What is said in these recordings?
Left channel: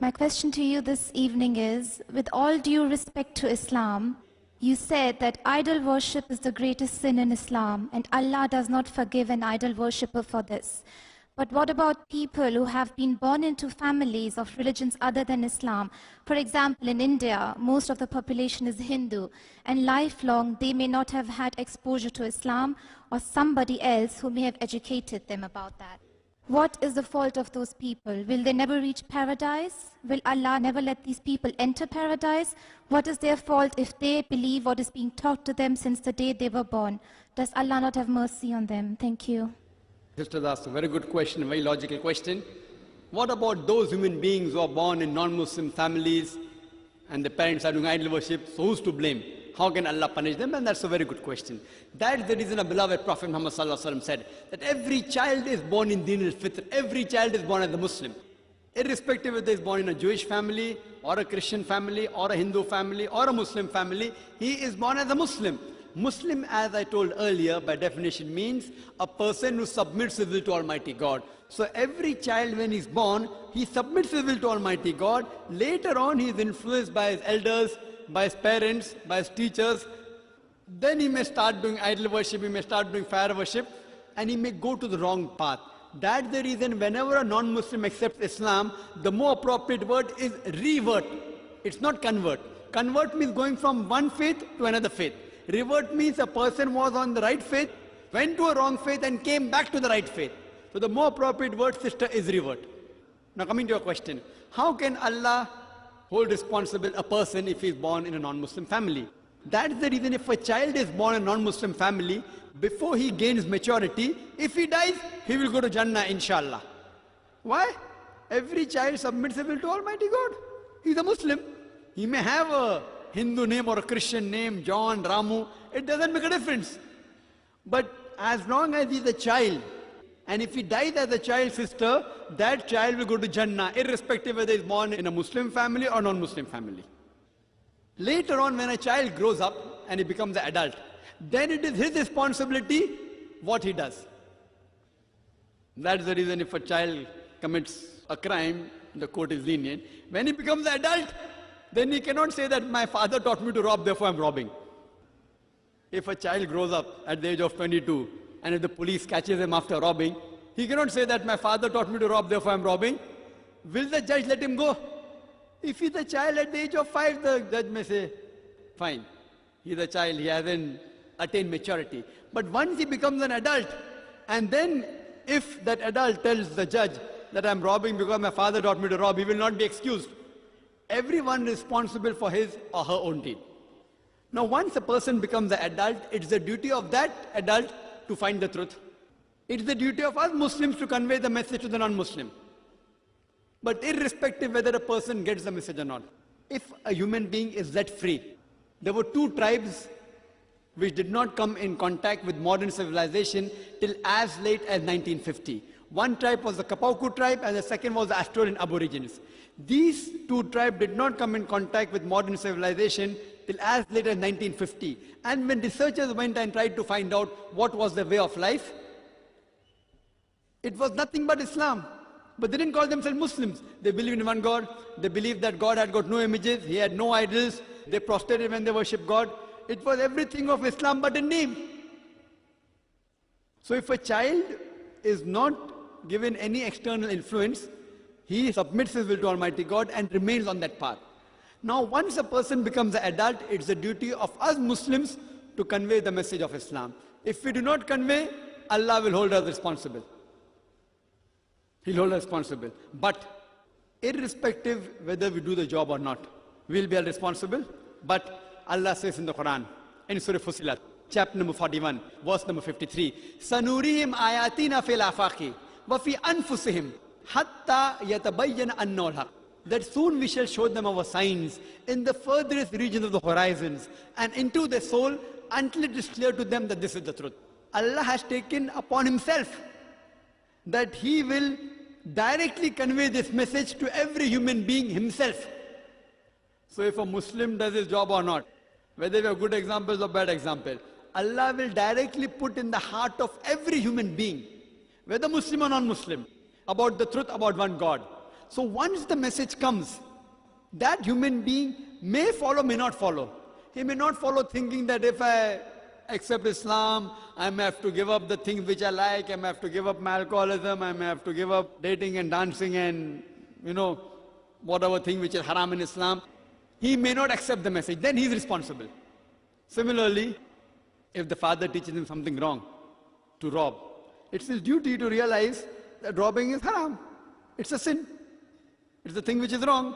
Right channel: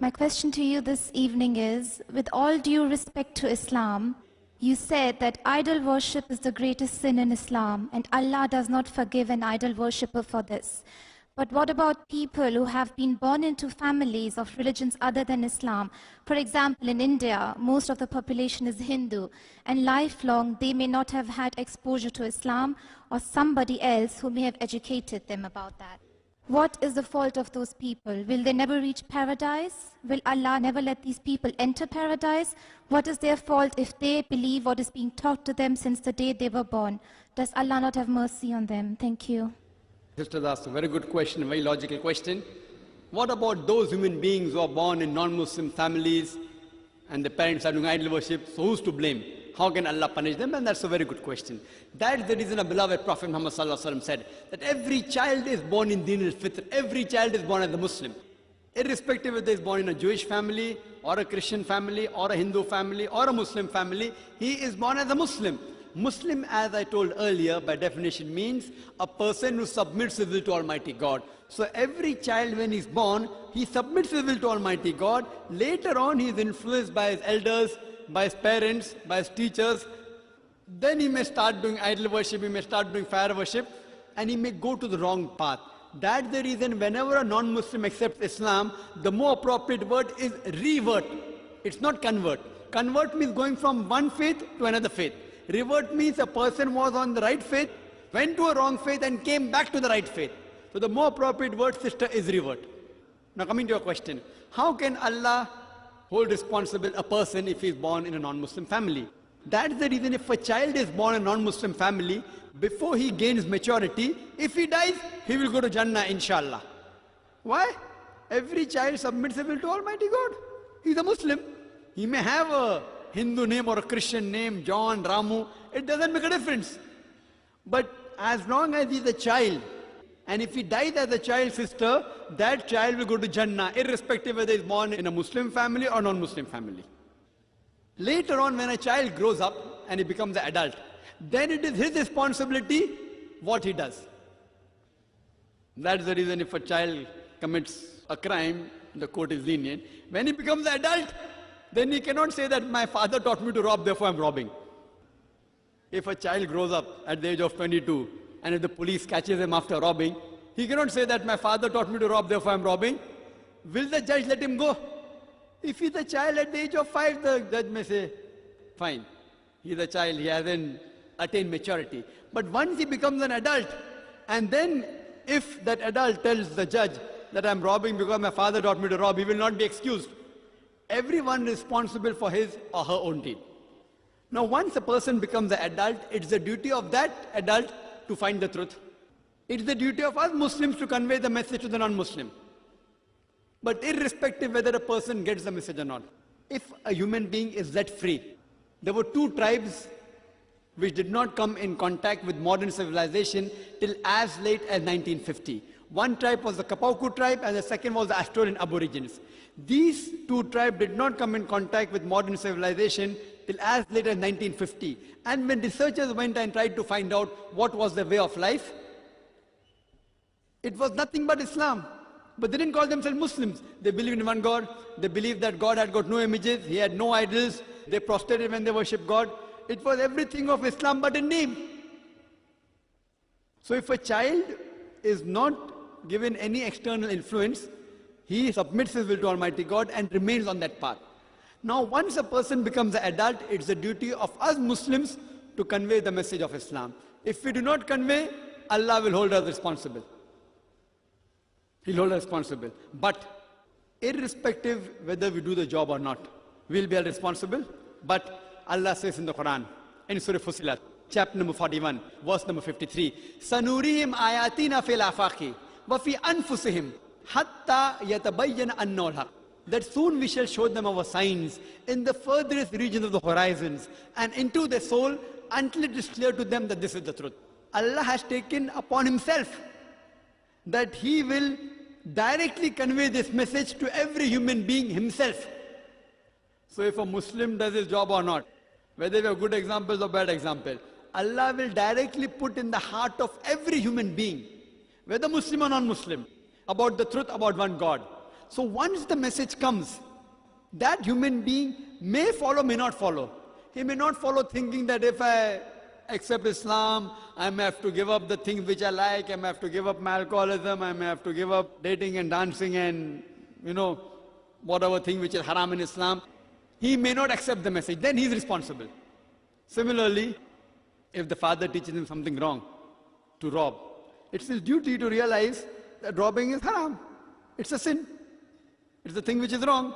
My question to you this evening is, with all due respect to Islam, you said that idol worship is the greatest sin in Islam and Allah does not forgive an idol worshipper for this. But what about people who have been born into families of religions other than Islam? For example, in India, most of the population is Hindu, and lifelong they may not have had exposure to Islam or somebody else who may have educated them about that. What is the fault of those people? Will they never reach paradise? Will Allah never let these people enter paradise? What is their fault if they believe what is being taught to them since the day they were born? Does Allah not have mercy on them? Thank you. Sisters asked a very good question, a very logical question. What about those human beings who are born in non-Muslim families and the parents are doing idol worship? So who's to blame? How can Allah punish them? And that's a very good question. That's the reason our beloved Prophet Muhammad said that every child is born in Deen al-Fitr. Every child is born as a Muslim. Irrespective if they is born in a Jewish family or a Christian family or a Hindu family or a Muslim family, he is born as a Muslim. Muslim, as I told earlier, by definition means a person who submits his will to Almighty God. So every child when he's born, he submits his will to Almighty God. Later on, he is influenced by his elders, by his parents, by his teachers. Then he may start doing idol worship, he may start doing fire worship, and he may go to the wrong path. That's the reason whenever a non-Muslim accepts Islam, the more appropriate word is revert. It's not convert. Convert means going from one faith to another faith. Revert means a person was on the right faith, went to a wrong faith and came back to the right faith. So the more appropriate word, sister, is revert. Now coming to your question, how can Allah hold responsible a person if he is born in a non-Muslim family? That's the reason if a child is born in a non-Muslim family, before he gains maturity, if he dies, he will go to Jannah, inshallah. Why? Every child submits his will to Almighty God. He's a Muslim. He may have a Hindu name or a Christian name, John, Ramu, it doesn't make a difference. But as long as he's a child, and if he dies as a child, sister, that child will go to Jannah, irrespective whether he's born in a Muslim family or non-Muslim family. Later on, when a child grows up and he becomes an adult, then it is his responsibility what he does. That's the reason if a child commits a crime, the court is lenient. When he becomes an adult, then he cannot say that my father taught me to rob, therefore I'm robbing. If a child grows up at the age of 22, and if the police catches him after robbing, he cannot say that my father taught me to rob, therefore I'm robbing. Will the judge let him go? If he's a child at the age of 5, the judge may say, fine, he's a child, he hasn't attained maturity. But once he becomes an adult, and then if that adult tells the judge that I'm robbing because my father taught me to rob, he will not be excused. Everyone is responsible for his or her own deed. Now once a person becomes an adult, it's the duty of that adult to find the truth. It's the duty of us Muslims to convey the message to the non-Muslim. But irrespective whether a person gets the message or not, if a human being is set free, there were 2 tribes which did not come in contact with modern civilization till as late as 1950. One tribe was the Kapauku tribe and the second was the Australian Aborigines. These 2 tribes did not come in contact with modern civilization till as late as 1950. And when researchers went and tried to find out what was their way of life, it was nothing but Islam. But they didn't call themselves Muslims. They believed in one God. They believed that God had got no images. He had no idols. They prostrated when they worshiped God. It was everything of Islam but in name. So if a child is not given any external influence, he submits his will to Almighty God and remains on that path. Now once a person becomes an adult, it's the duty of us Muslims to convey the message of Islam. If we do not convey, Allah will hold us responsible. He'll hold us responsible. But irrespective whether we do the job or not, we'll be responsible. But Allah says in the Quran, in Surah Fussilat, chapter number 41, verse number 53, Sanurihim ayatina fil afaqi wa fi anfusihim hatta yatabayyana annahu al-haq. That soon we shall show them our signs in the furthest regions of the horizons and into the soul until it is clear to them that this is the truth. Allah has taken upon himself that he will directly convey this message to every human being himself. So if a Muslim does his job or not, whether we have good examples or bad examples, Allah will directly put in the heart of every human being, whether Muslim or non-Muslim, about the truth about one God. So once the message comes, that human being may follow, may not follow. He may not follow thinking that if I accept Islam, I may have to give up the things which I like, I may have to give up my alcoholism, I may have to give up dating and dancing and, whatever thing which is haram in Islam. He may not accept the message, then he is responsible. Similarly, if the father teaches him something wrong, to rob, it's his duty to realize that robbing is haram. It's a sin. It's the thing which is wrong.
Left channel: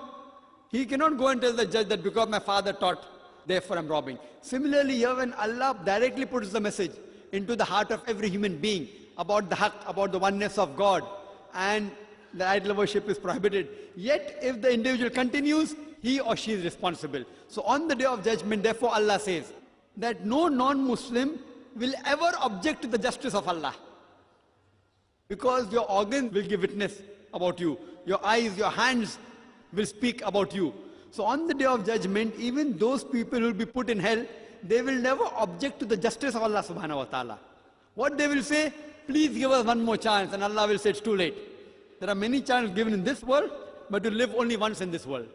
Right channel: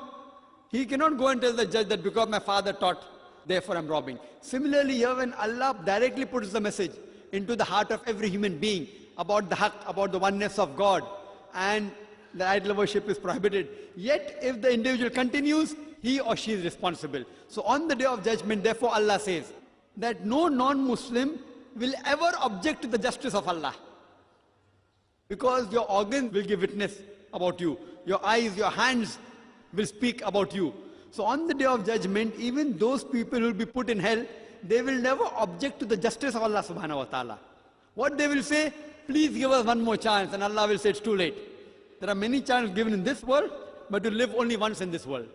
He cannot go and tell the judge that because my father taught, therefore I'm robbing. Similarly, here when Allah directly puts the message into the heart of every human being about the haqq, about the oneness of God, and the idol worship is prohibited, yet if the individual continues, he or she is responsible. So on the day of judgment, therefore Allah says that no non-Muslim will ever object to the justice of Allah. Because your organs will give witness about you. Your eyes, your hands will speak about you. So on the day of judgment, even those people who will be put in hell, they will never object to the justice of Allah subhanahu wa ta'ala. What they will say, please give us one more chance, and Allah will say it's too late. There are many chances given in this world, but you live only once in this world.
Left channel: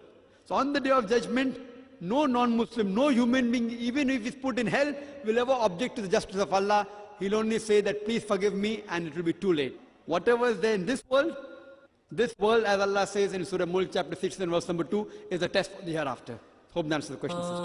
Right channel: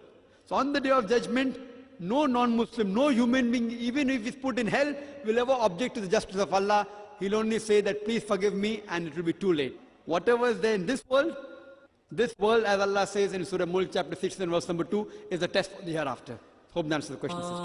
So on the day of judgment, no non-Muslim, no human being, even if he's put in hell, will ever object to the justice of Allah. He'll only say that please forgive me, and it will be too late. Whatever is there in this world, as Allah says in Surah Mulk chapter 6 and verse number 2, is a test for the hereafter. Hope that answers the question, sister.